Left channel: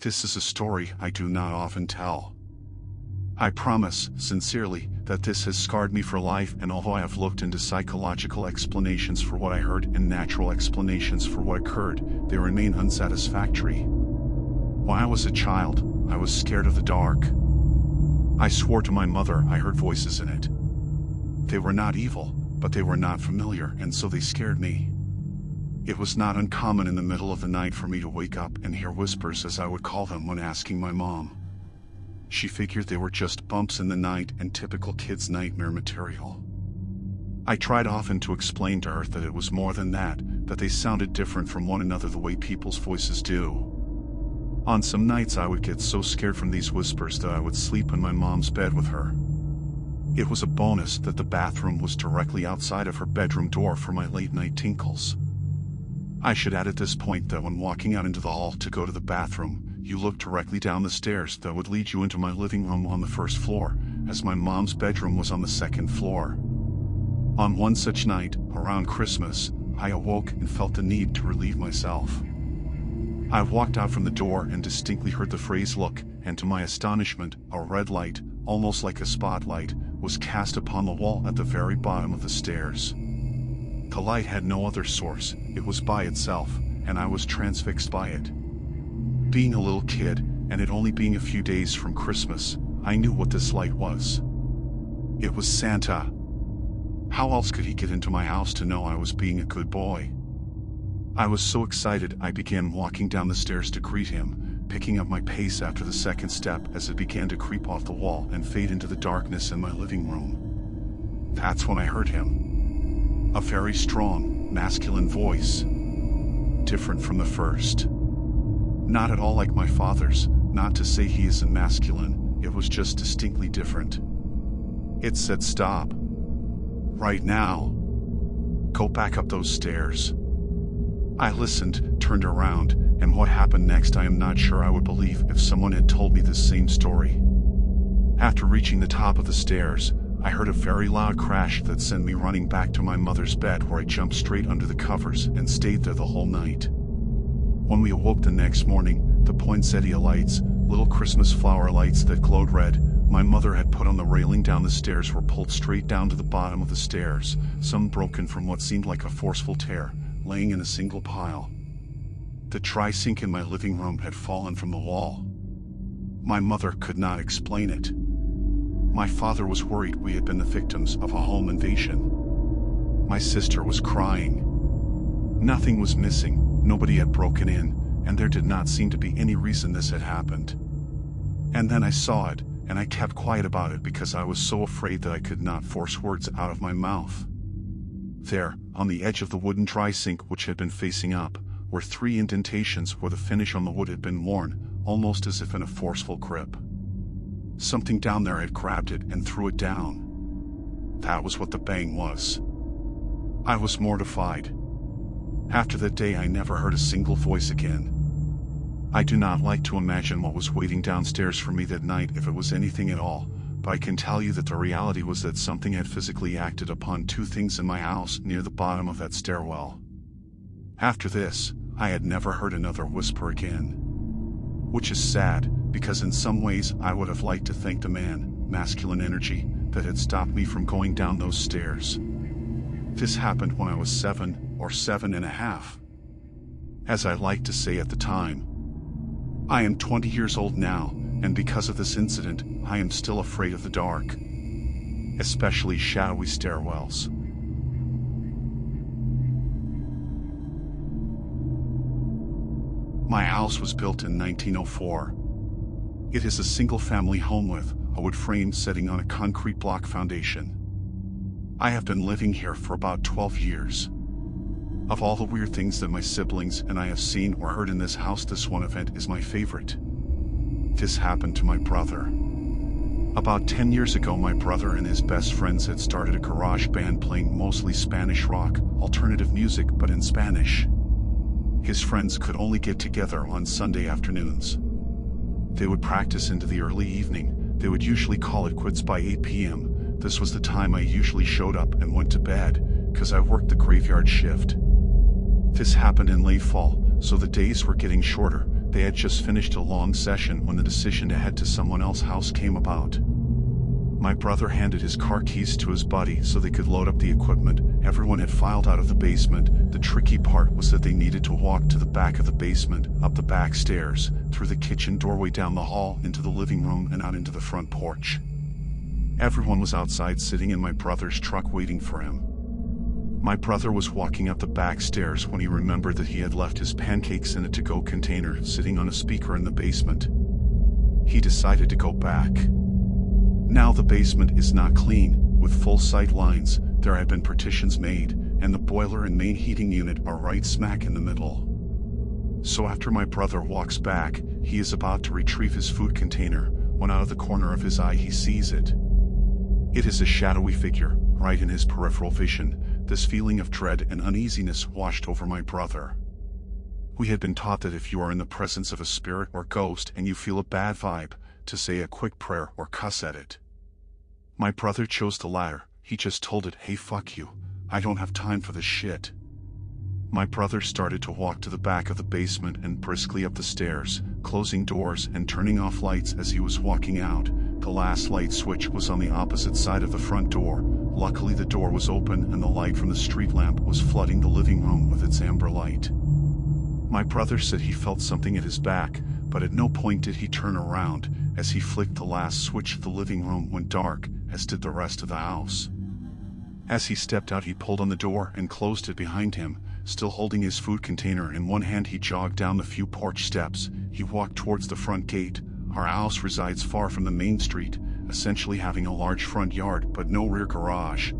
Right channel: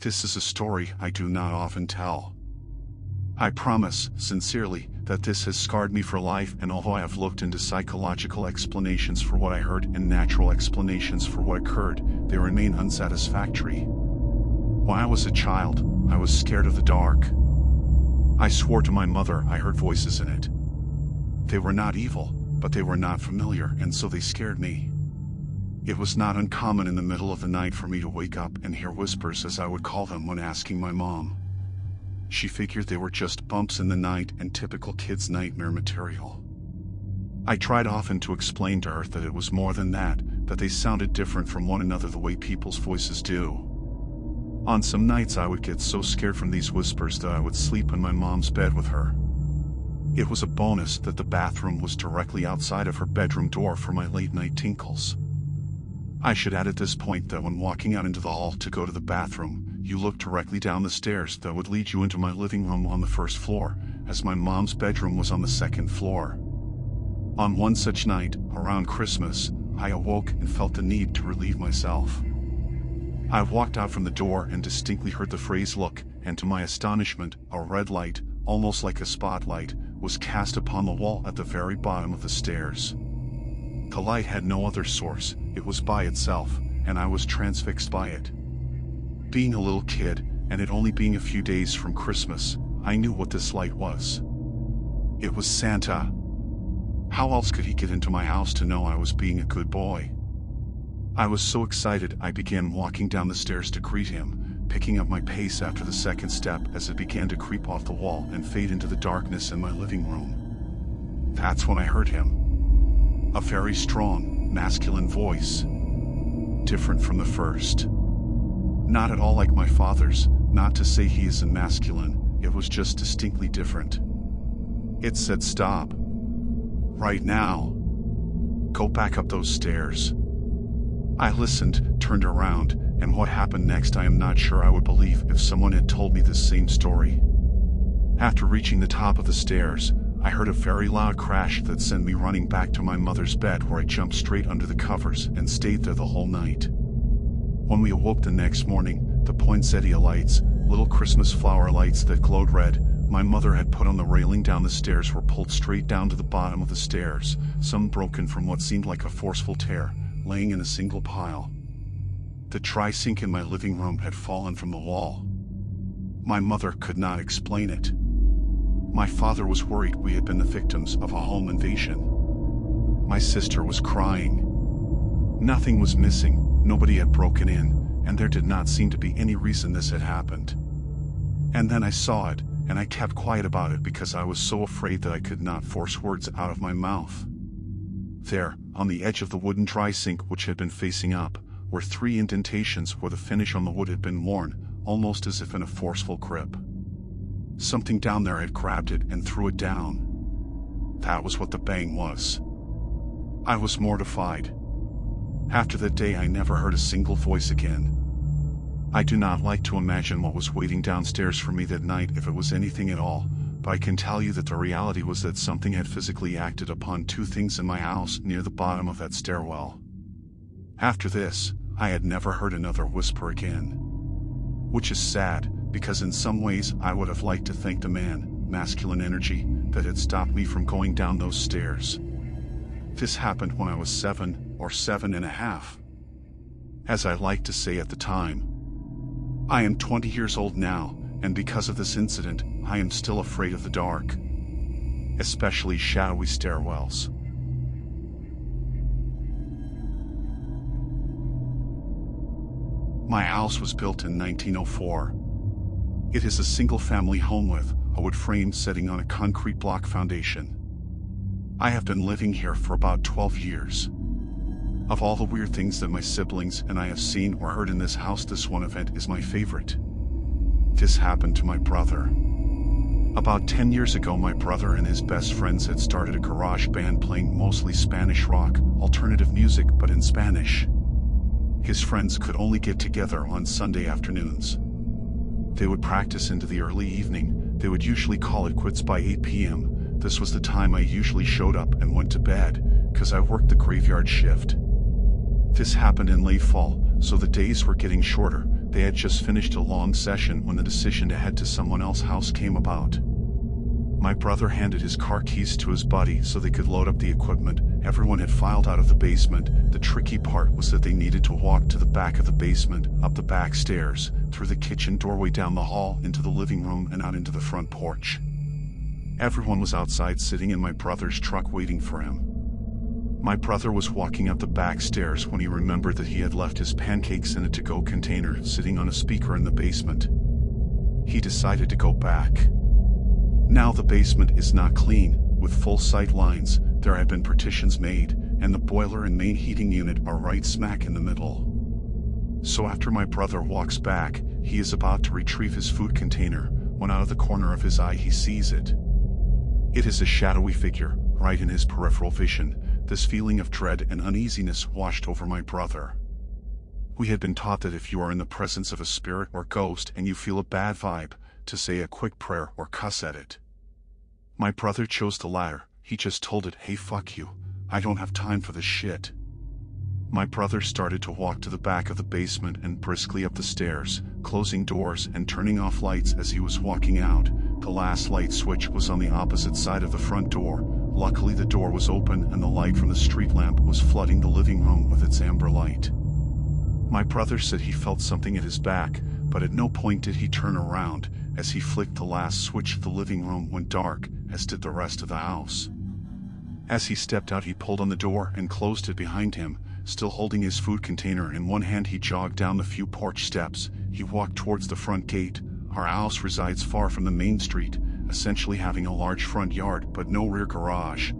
This is a story I do not often tell. I promise, sincerely, that this has scarred me for life, and although I have looked into psychological explanations for what I heard and natural explanations for what occurred, they remain unsatisfactory. When I was a child, I was scared of the dark. I swore to my mother I heard voices in it. They were not evil, but they were not familiar, and so they scared me. It was not uncommon in the middle of the night for me to wake up and hear whispers, as I would call them when asking my mom. She figured they were just bumps in the night and typical kids' nightmare material. I tried often to explain to her that it was more than that they sounded different from one another the way people's voices do. On some nights I would get so scared from these whispers that I would sleep in my mom's bed with her. It was a bonus that the bathroom was directly outside of her bedroom door for my late-night tinkles. I should add at this point that when walking out into the hall to go to the bathroom, you look directly down the stairs that would lead you into my living room on the first floor, as my mom's bedroom was on the second floor. On one such night, around Christmas, I awoke and felt the need to relieve myself. I walked out from the door and distinctly heard the phrase "look," and to my astonishment, a red light, almost like a spotlight, was cast upon the wall at the very bottom of the stairs. The light had no other source, it was by itself, and I was transfixed by it. Being a little kid, and it only being a few days from Christmas, I knew what this light was. It was Santa. How else could he get into my house to know I was being a good boy? I was so excited I began walking down the stairs to greet him, picking up my pace after the second step as it began to creep off the wall and fade into the darkness in my living room. That's when I heard him. A very strong, masculine voice. Different from the first. Not at all like my father's, not to say he isn't masculine, it was just distinctly different. It said, "Stop. Right now. Go back up those stairs." I listened, turned around, and what happened next I am not sure I would believe if someone had told me this same story. After reaching the top of the stairs, I heard a very loud crash that sent me running back to my mother's bed, where I jumped straight under the covers and stayed there the whole night. When we awoke the next morning, the poinsettia lights, little Christmas flower lights that glowed red, my mother had put on the railing down the stairs were pulled straight down to the bottom of the stairs, some broken from what seemed like a forceful tear, laying in a single pile. The tri-sink in my living room had fallen from the wall. My mother could not explain it. My father was worried we had been the victims of a home invasion. My sister was crying. Nothing was missing, nobody had broken in, and there did not seem to be any reason this had happened. And then I saw it, and I kept quiet about it because I was so afraid that I could not force words out of my mouth. There, on the edge of the wooden tri-sink which had been facing up, were 3 indentations where the finish on the wood had been worn, almost as if in a forceful grip. Something down there had grabbed it and threw it down. That was what the bang was. I was mortified. After that day I never heard a single voice again. I do not like to imagine what was waiting downstairs for me that night, if it was anything at all, but I can tell you that the reality was that something had physically acted upon 2 things in my house near the bottom of that stairwell. After this, I had never heard another whisper again. Which is sad, because in some ways I would have liked to thank the man, masculine energy, that had stopped me from going down those stairs. This happened when I was 7 or 7.5. As I liked to say at the time. I am 20 years old now, and because of this incident, I am still afraid of the dark. Especially shadowy stairwells. My house was built in 1904. It is a single-family home with a wood frame setting on a concrete block foundation. I have been living here for about 12 years. Of all the weird things that my siblings and I have seen or heard in this house, this one event is my favorite. This happened to my brother. About 10 years ago, my brother and his best friends had started a garage band playing mostly Spanish rock, alternative music but in Spanish. His friends could only get together on Sunday afternoons. They would practice into the early evening. They would usually call it quits by 8 p.m. This was the time I usually showed up and went to bed, because I worked the graveyard shift. This happened in late fall, so the days were getting shorter. They had just finished a long session when the decision to head to someone else's house came about. My brother handed his car keys to his buddy so they could load up the equipment. Everyone had filed out of the basement. The tricky part was that they needed to walk to the back of the basement, up the back stairs, through the kitchen doorway down the hall into the living room and out into the front porch. Everyone was outside sitting in my brother's truck waiting for him. My brother was walking up the back stairs when he remembered that he had left his pancakes in a to-go container sitting on a speaker in the basement. He decided to go back. Now the basement is not clean, with full sight lines. There had been partitions made, and the boiler and main heating unit are right smack in the middle. So after my brother walks back, he is about to retrieve his food container, when out of the corner of his eye he sees it. It is a shadowy figure, right in his peripheral vision. This feeling of dread and uneasiness washed over my brother. We had been taught that if you are in the presence of a spirit or ghost and you feel a bad vibe, to say a quick prayer or cuss at it. My brother chose the latter. He just told it, "Hey, fuck you. I don't have time for this shit." My brother started to walk to the back of the basement and briskly up the stairs, closing doors and turning off lights as he was walking out. The last light switch was on the opposite side of the front door. Luckily the door was open and the light from the street lamp was flooding the living room with its amber light. My brother said he felt something at his back, but at no point did he turn around. As he flicked the last switch, the living room went dark, as did the rest of the house. As he stepped out, he pulled on the door and closed it behind him. Still holding his food container in one hand, he jogged down the few porch steps. He walked towards the front gate. Our house resides far from the main street, essentially having a large front yard but no rear garage.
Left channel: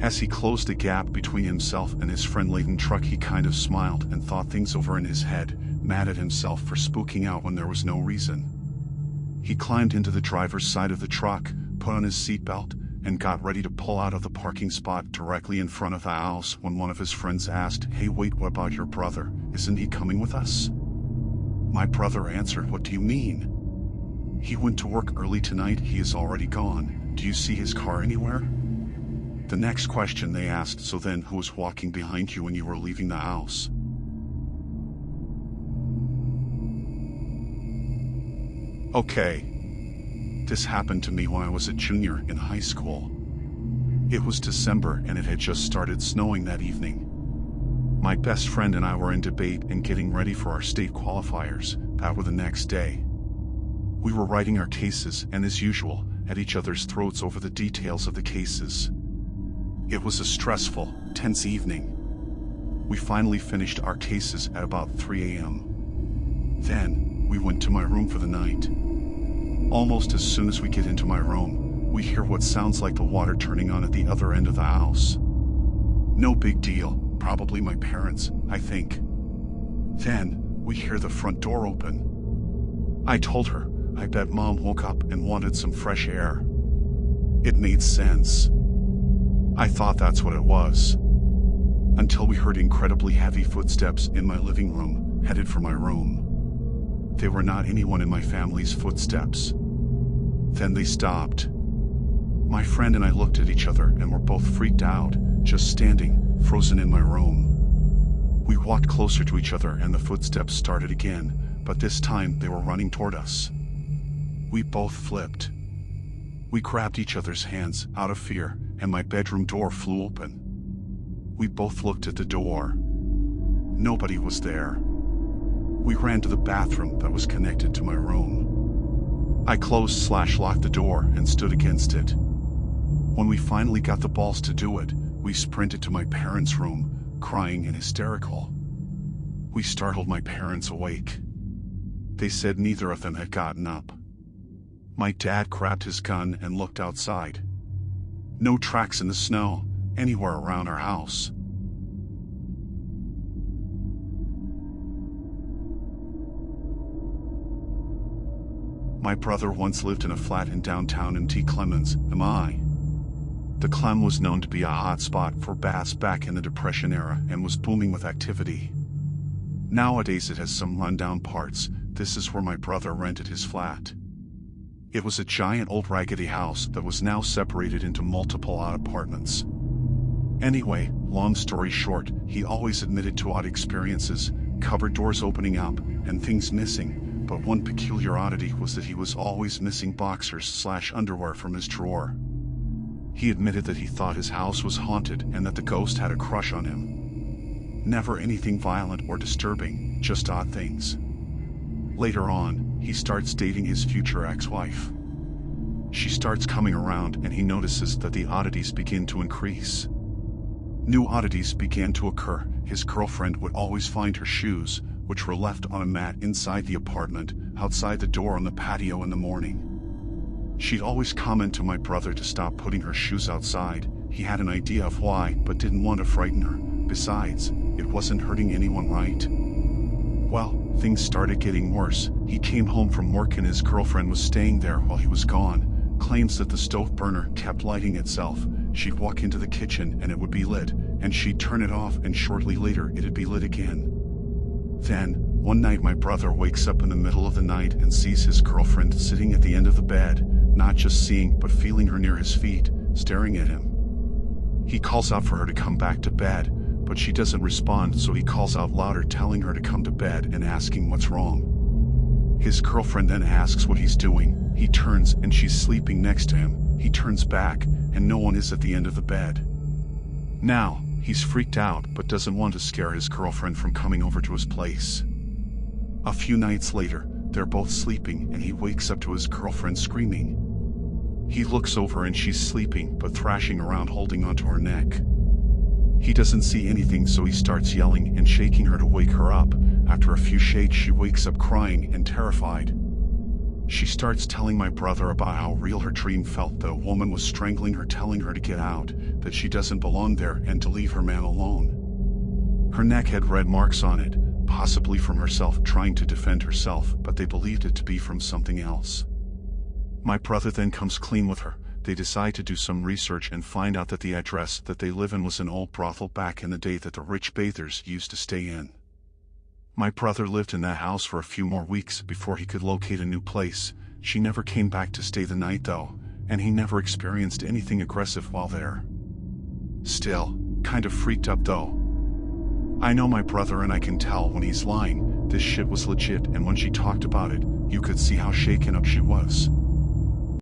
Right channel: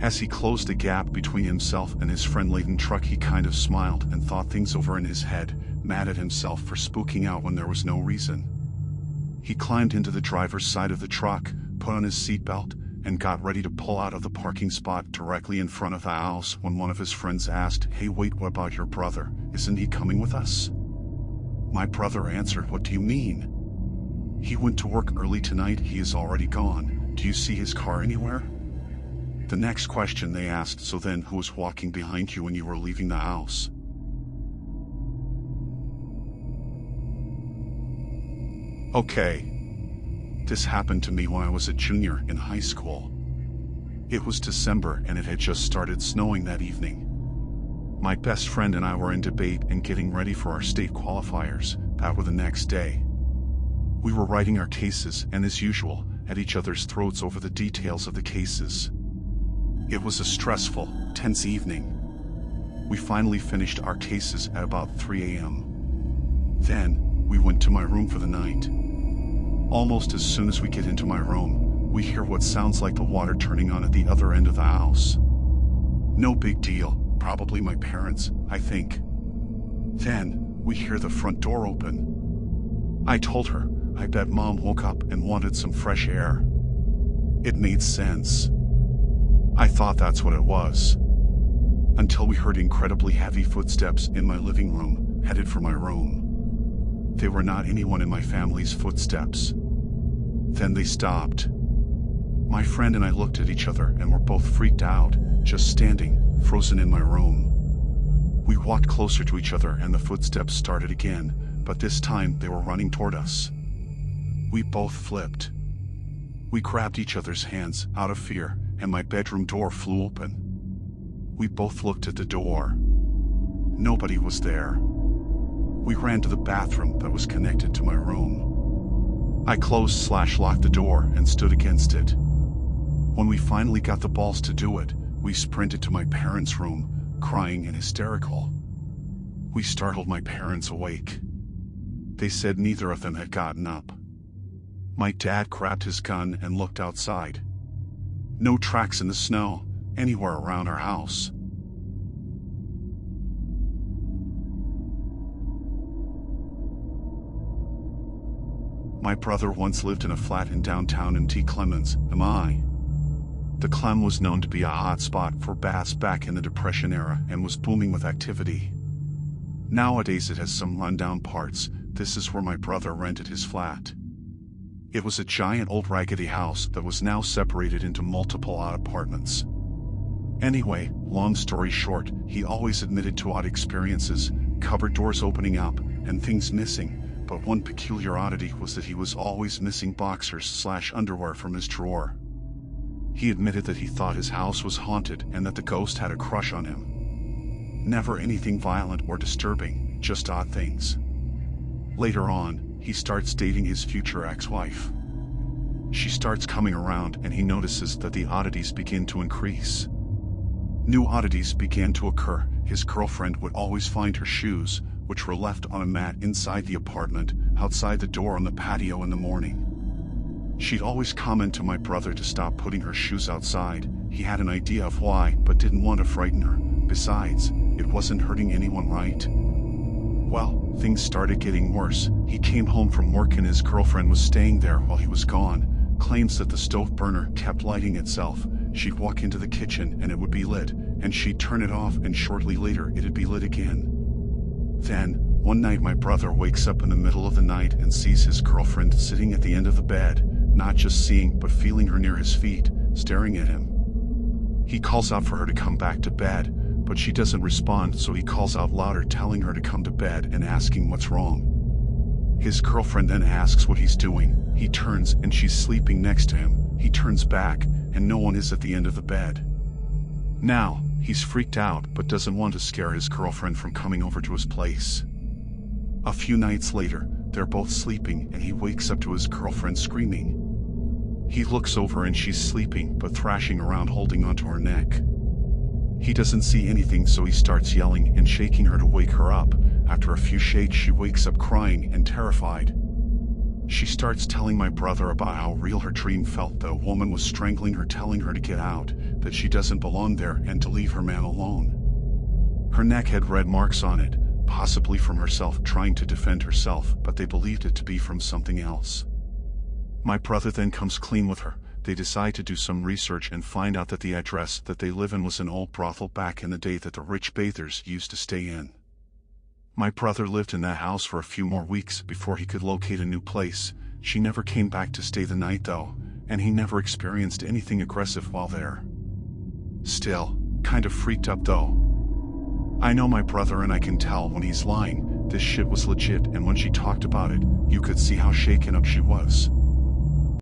As he closed the gap between himself and his friend-laden truck, he kind of smiled and thought things over in his head, mad at himself for spooking out when there was no reason. He climbed into the driver's side of the truck, put on his seatbelt, and got ready to pull out of the parking spot directly in front of the house when one of his friends asked, "Hey, wait, what about your brother? Isn't he coming with us?" My brother answered, "What do you mean?" "He went to work early tonight. He is already gone. Do you see his car anywhere?" The next question they asked, "So then, who was walking behind you when you were leaving the house?" Okay. This happened to me when I was a junior in high school. It was December and it had just started snowing that evening. My best friend and I were in debate and getting ready for our state qualifiers that were the next day. We were writing our cases and, as usual, at each other's throats over the details of the cases. It was a stressful, tense evening. We finally finished our cases at about 3 a.m. Then, we went to my room for the night. Almost as soon as we get into my room, we hear what sounds like the water turning on at the other end of the house. No big deal, probably my parents, I think. Then, we hear the front door open. I told her, I bet Mom woke up and wanted some fresh air. It made sense. I thought that's what it was. Until we heard incredibly heavy footsteps in my living room, headed for my room. They were not anyone in my family's footsteps. Then they stopped. My friend and I looked at each other and were both freaked out, just standing, frozen in my room. We walked closer to each other and the footsteps started again, but this time they were running toward us. We both flipped. We grabbed each other's hands out of fear, and my bedroom door flew open. We both looked at the door. Nobody was there. We ran to the bathroom that was connected to my room. I closed/locked the door and stood against it. When we finally got the balls to do it, we sprinted to my parents' room, crying and hysterical. We startled my parents awake. They said neither of them had gotten up. My dad grabbed his gun and looked outside. No tracks in the snow, anywhere around our house. My brother once lived in a flat in downtown in T. Clemens, MI. The Clem was known to be a hot spot for baths back in the Depression era and was booming with activity. Nowadays it has some rundown parts. This is where my brother rented his flat. It was a giant old raggedy house that was now separated into multiple odd apartments. Anyway, long story short, he always admitted to odd experiences, cupboard doors opening up, and things missing, but one peculiar oddity was that he was always missing boxers/underwear from his drawer. He admitted that he thought his house was haunted and that the ghost had a crush on him. Never anything violent or disturbing, just odd things. Later on, he starts dating his future ex-wife. She starts coming around and he notices that the oddities begin to increase. New oddities began to occur. His girlfriend would always find her shoes, which were left on a mat inside the apartment, outside the door on the patio in the morning. She'd always comment to my brother to stop putting her shoes outside. He had an idea of why, but didn't want to frighten her. Besides, it wasn't hurting anyone, right? Well, things started getting worse. He came home from work and his girlfriend was staying there while he was gone. Claims that the stove burner kept lighting itself. She'd walk into the kitchen and it would be lit, and she'd turn it off and shortly later it'd be lit again. Then, one night my brother wakes up in the middle of the night and sees his girlfriend sitting at the end of the bed, not just seeing but feeling her near his feet, staring at him. He calls out for her to come back to bed, but she doesn't respond, so he calls out louder telling her to come to bed and asking what's wrong. His girlfriend then asks what he's doing. He turns and she's sleeping next to him. He turns back and no one is at the end of the bed. Now, he's freaked out but doesn't want to scare his girlfriend from coming over to his place. A few nights later, they're both sleeping and he wakes up to his girlfriend screaming. He looks over and she's sleeping but thrashing around holding onto her neck. He doesn't see anything, so he starts yelling and shaking her to wake her up. After a few shakes she wakes up crying and terrified. She starts telling my brother about how real her dream felt. The woman was strangling her, telling her to get out, that she doesn't belong there and to leave her man alone. Her neck had red marks on it, possibly from herself trying to defend herself, but they believed it to be from something else. My brother then comes clean with her. They decide to do some research and find out that the address that they live in was an old brothel back in the day that the rich bathers used to stay in. My brother lived in that house for a few more weeks before he could locate a new place. She never came back to stay the night though, and he never experienced anything aggressive while there. Still, kind of freaked up though. I know my brother and I can tell when he's lying. This shit was legit, and when she talked about it, you could see how shaken up she was.